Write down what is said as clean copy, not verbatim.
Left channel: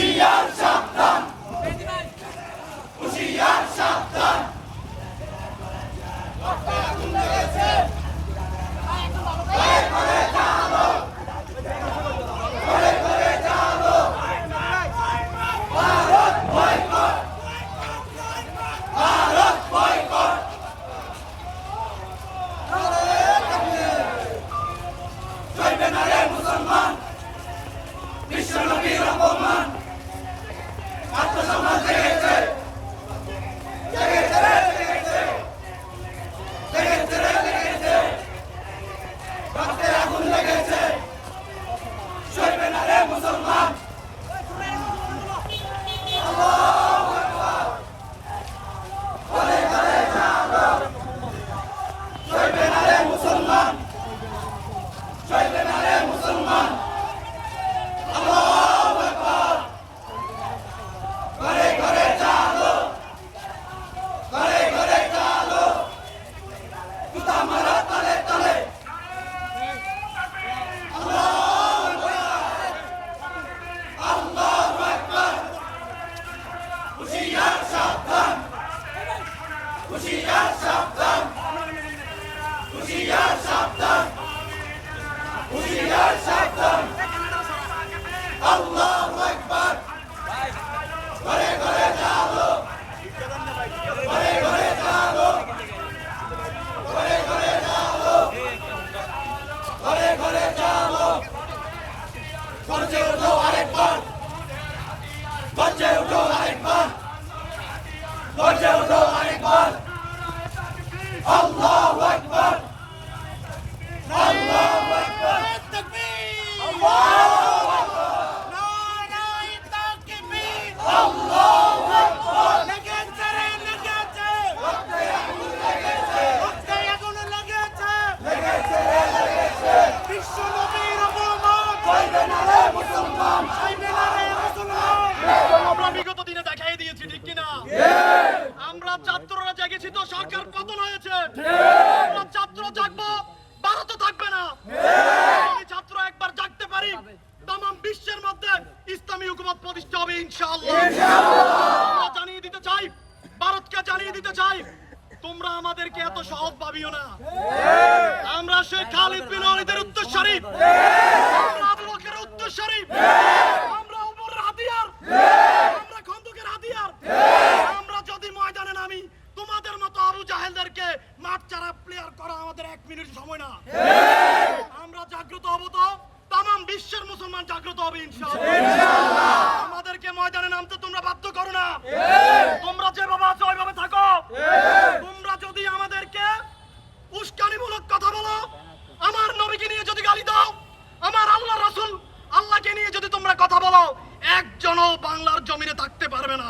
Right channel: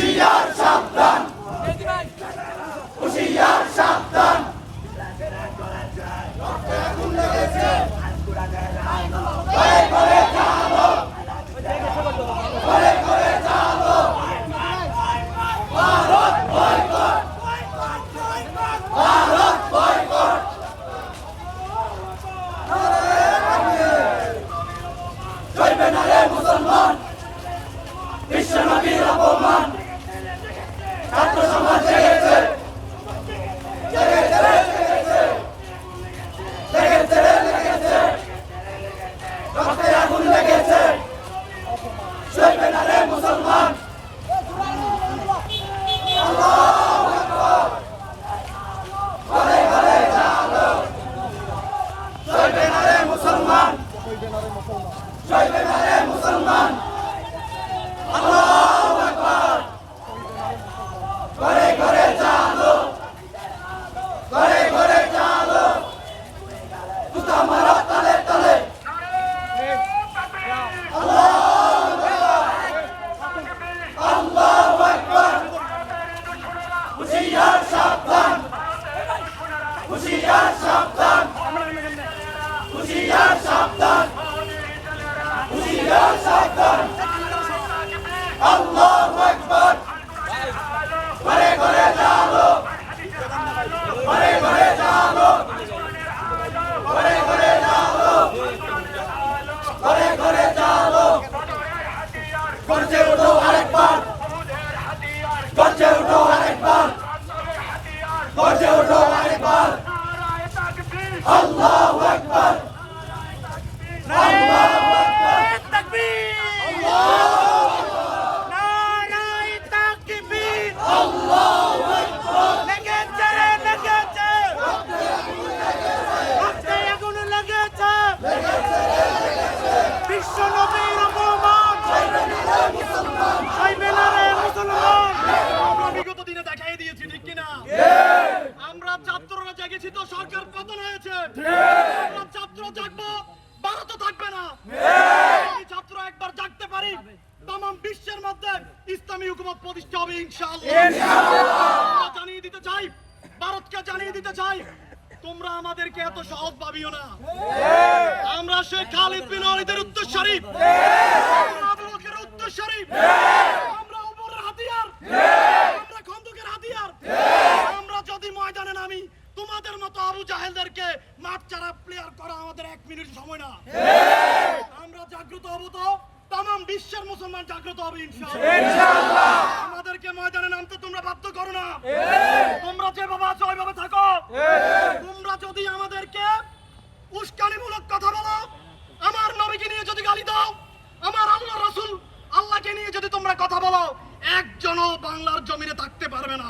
হুঁশিয়ার সাবধান, হুঁশিয়ার সাবধান। আগুন লেগেছে, ভয় করে চালো, ভয় করে চালো। Bharat boycott, Bharat boycott. চলবে না রে মুসলমান, বিশ্ব নবীর অপমান। ছাত্র সমাজ জেগেছে, জেগেছে রে জেগেছে, জেগেছে রে জেগেছে। রক্তে আগুন লেগেছে, চলবে না রে মুসলমান। আল্লাহু আকবার, ঘরে ঘরে জাগো, চলবে না রে মুসলমান, চলবে না রে মুসলমান। আল্লাহু আকবার, ঘরে ঘরে জাগো, ঘরে ঘরে জাগো। জুতা মারো তলে তলে। আল্লাহু আকবার, আল্লাহু আকবার। হুঁশিয়ার সাবধান, হুঁশিয়ার সাবধান, হুঁশিয়ার সাবধান, হুঁশিয়ার সাবধান। আল্লাহু আকবার, ঘরে ঘরে জাগো, ঘরে ঘরে জাগো, ঘরে ঘরে জাগো, ঘরে ঘরে জাগো। গর্জে উঠো আরেকবার, গর্জে উঠো আরেকবার, গর্জে উঠো আরেকবার। আল্লাহু আকবার, আল্লাহু আকবার, আল্লাহু আমরা বিগত দিনে দেখাই দিয়েছি, ঠিক কিনা? আমরা ছাত্ররা জেগেছি তো সরকার পতন হয়েছে। আমরা ছাত্র জাগবো, ভারত থাকবে না। যদি ছাত্র একবার জাগতে পারি, তাম বিশ্বের মধ্যে ইসলামী হুকুমত প্রতিষ্ঠা হবে ইনশাআল্লাহ। আমরা জানিয়ে দিতে চাই, ভারতকে জানিয়ে দিতে চাই, তোমরা আমাদেরকে এত সহজ ভাবিও না। আমরা শেখ খালিদ বিন ওয়ালিদের উত্তরসূরি, আমরা আবু বকরের উত্তরসূরি, আমরা ওমরের হাতিয়ার, আমরা খন্দকের হাতিয়ার। আমরা যদি ময়দানে নামি, তোমাদের মতো আবু জাহেলদেরকে মাঠ ছাড়া প্লেয়ার করা আমাদের 1 মিনিট সময় না। আমরা জাগ্রত হব তো তাম বিশ্বের মুসলমান জাগ্রত হবে ইনশাআল্লাহ। আমাদেরকে ময়দানে নামতে তোমরা বাধ্য করো না। তোমরা যেভাবে আছো ওইভাবে থাকো। তোমরা যদি আমাদেরকে উস্কানিমূলক কথা বলো, আমার নবীকে নিয়ে যদি গালি দাও, আমার আল্লাহ রাসূল আল্লাহকে নিয়ে যদি তোমরা কথা বলো, একজনও বাংলার জমিনে থাকতে পারবে না।